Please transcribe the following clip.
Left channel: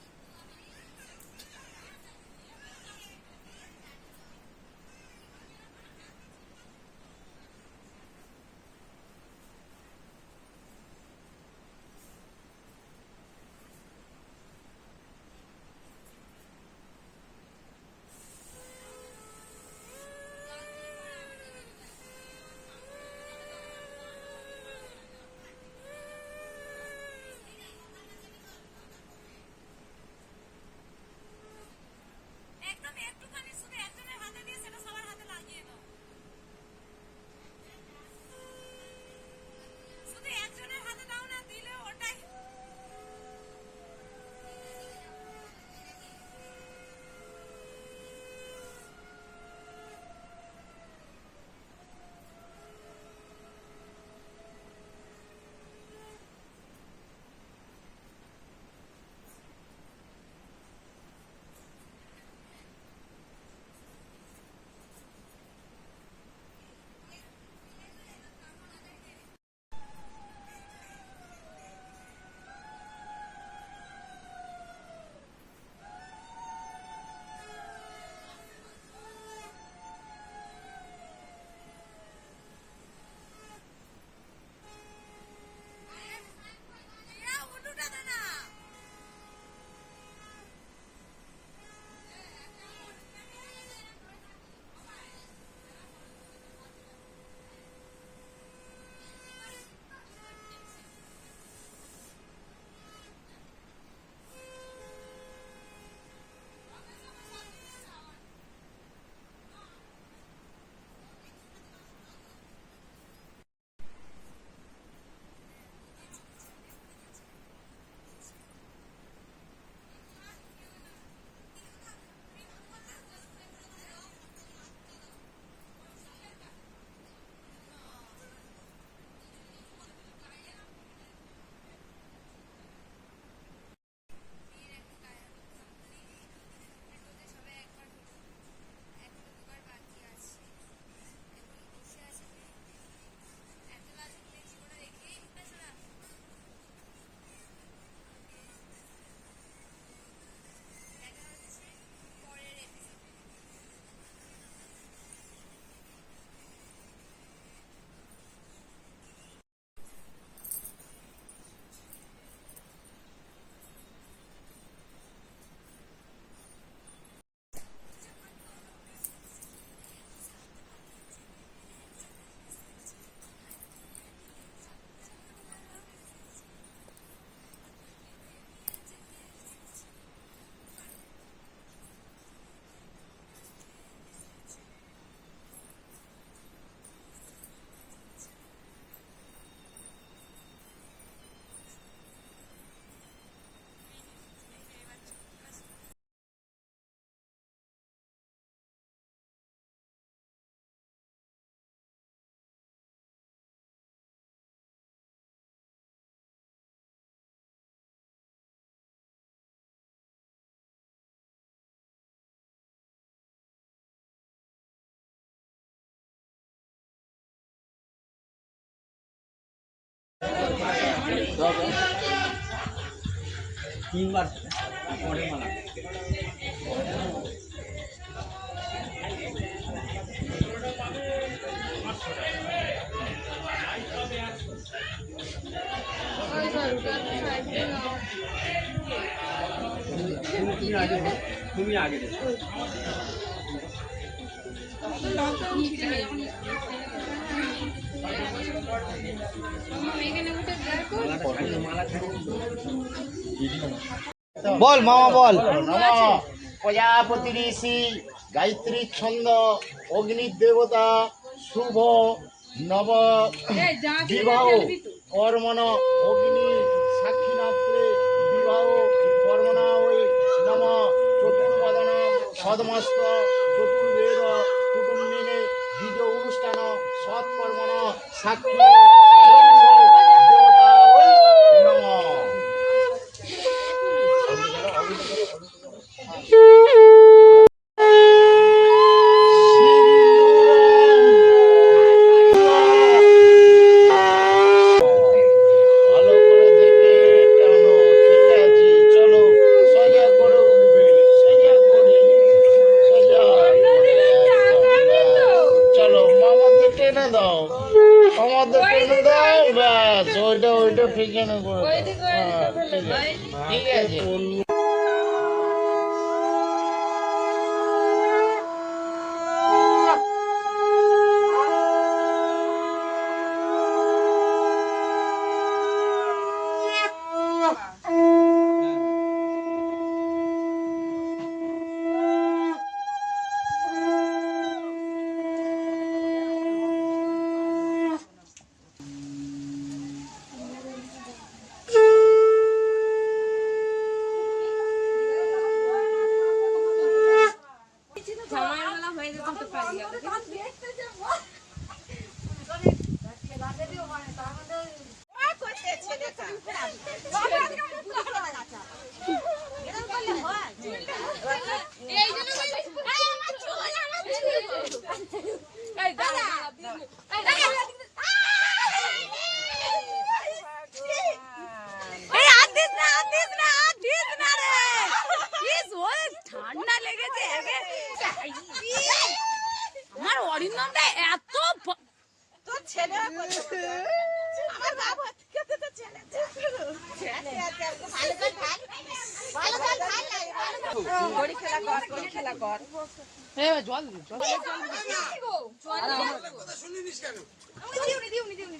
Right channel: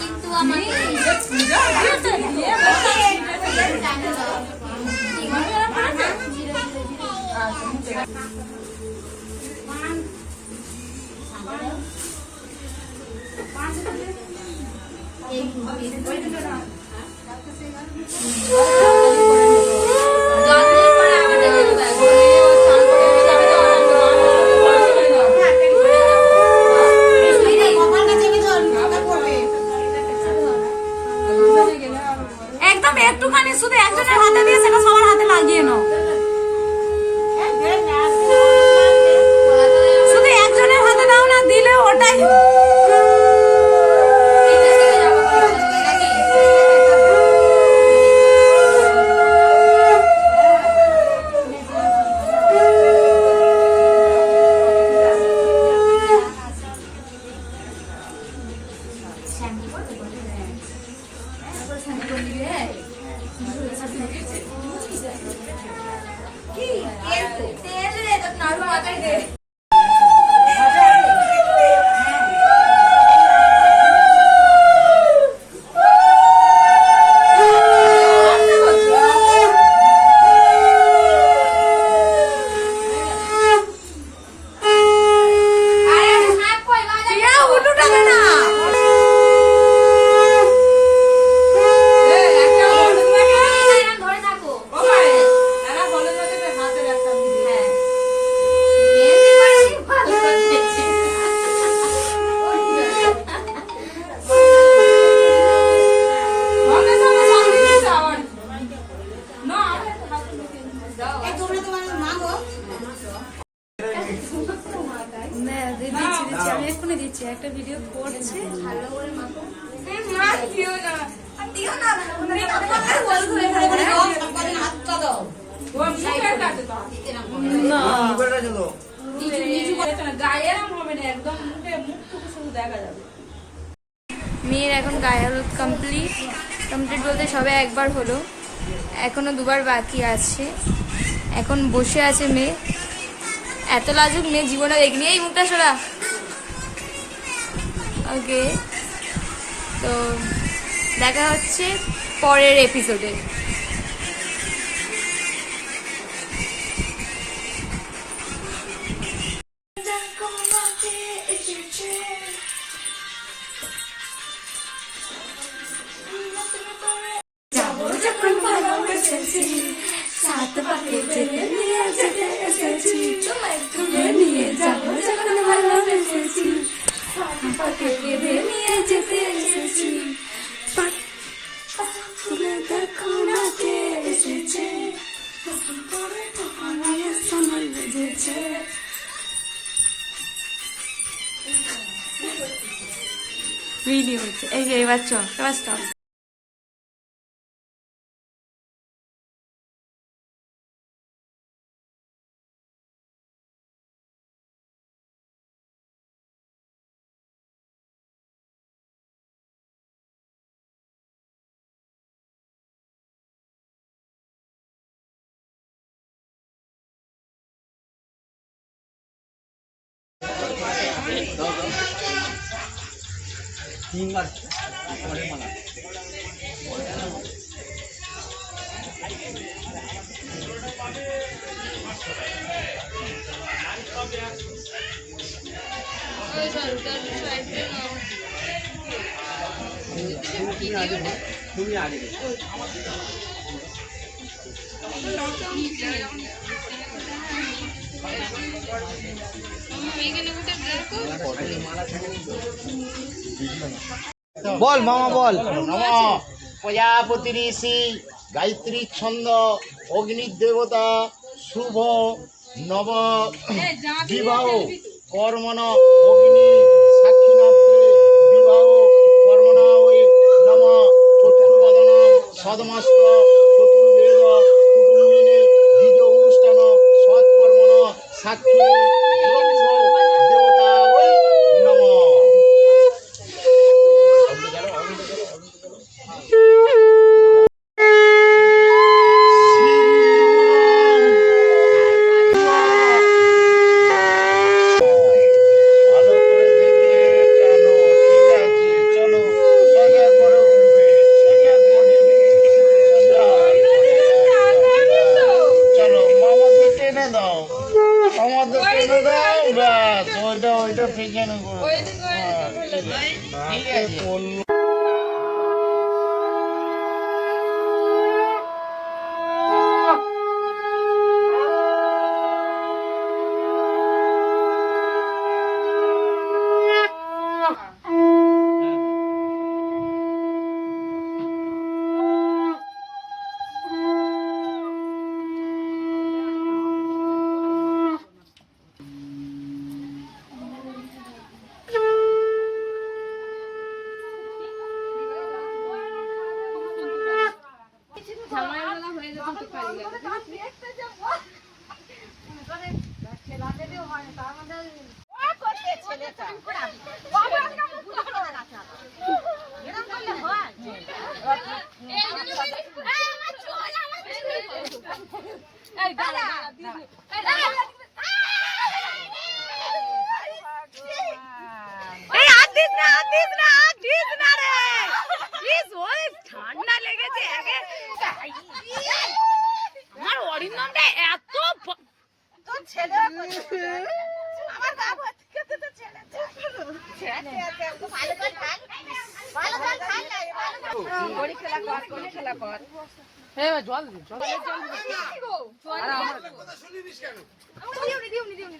কিন্তু আমাকে একদম একটুখানি শুধু একজনের হাতে দিয়ে সেটা সবার হাতে লাগিয়ে নাও। শুধু একজনের হাতে দাও না, দিলে ওটাই আমি এক্ষুনি দিচ্ছি, একটা ভিডিও করছে। ভালো করে মাখো। দিও না, দিও না। হাতটা দাও। ও মুখে কাটে দাও। না। মুখেটা দাও। নিচু করে না, গায়ে এরকম হবে না, একদম মুখে মুখটুকু শুধু দেখা যাবে। মেয়ের এখন গায়ে হলুদ কমপ্লিট বলতে সবে একবার হলো, এখনো দুবার বাকি আছে। এখন বসে আছে মেয়ে, এত লাজুক মেয়ে জীবনে দেখিনি। এই মুখটা সরা। ওকে, তো দেখা হচ্ছে পরের এপিসোডে। ভিডিও হচ্ছে এই যে, এবার চল, এবার স্টপ। তিনবার পরের মালা তুমি আগে বল মামা বল। নম প্রজাপতি ঋষি গায়ত্রী ছন্দ অগ্নির দেবতা শুভ নব বিবাহ কর্মণ অগ্নি সাক্ষীনাথে বিবাহ কর্মণা ওই নম চতুর্বদন সদমস্ত চতুর্বেদ কুটুম্বিনে দ্বিজ অনুষ্ঠান সৎকর্মণ সাক্ষী দেবতা ওই নম। ওইটা ফেঁকে নেবো। ঠিক আছে। ঝামেলা হয়ে যেত তো পারি গেল। ঠান্ডা লেগেছে আমার অরিন্দমটা এত তোর ছেলে আমার বাবা খেতে তো ছেলে গড়ি খেলা কর জল দিউনি